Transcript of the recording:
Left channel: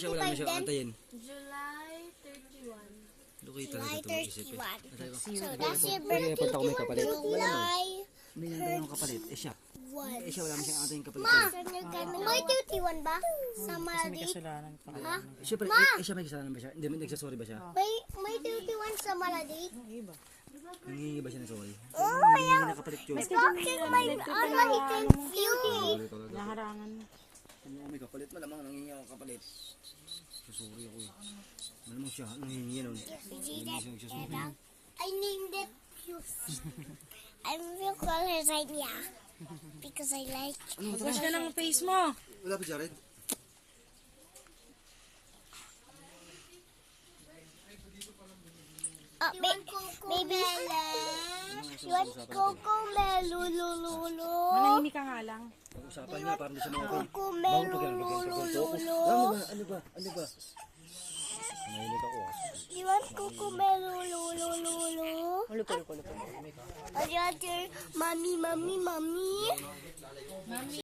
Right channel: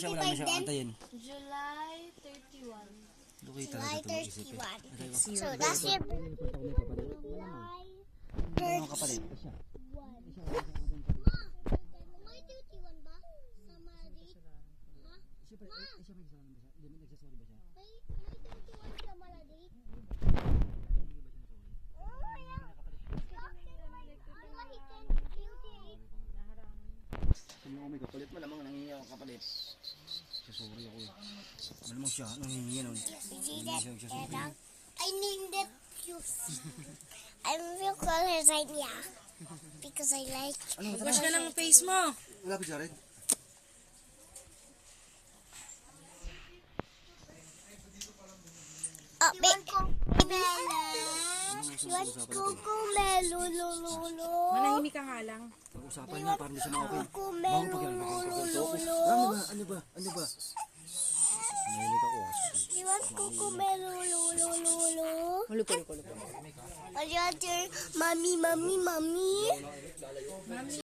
siya, wala na siya antayin. July 31. July 31. So that's your birthday. July May kapalit. Siya. 1. Siya, wala na siyang antayin kapalit. May 31 ba? Sa Maladive? Ha? Siyempre, siya may kasalanan ba siya? Hindi, nagsasorry ba siya? May 31 sa Maladive? Nangihingi ba siya ng sorry? Oh, yeah. Nakapalit yun. Talking my thank you. Naharangan. Kung ako may kapalit, malamang nangihingi ako kapalit. Sorry ako eh. Malamang siya, nangihingi nun. I named it Yusi. I will call her Zania. Because I like Wash ka ng face mo. Wala ba Jared? Baby. You want Coco-Melo, lulu. Manahimik ka nga lang. Pag-usapan niya, parang di siya mga Coco-Melo, lulu. Ano ba? Nangihingi ako ah. You want Coco-Melo, lulu. Lupo. I want your mommy.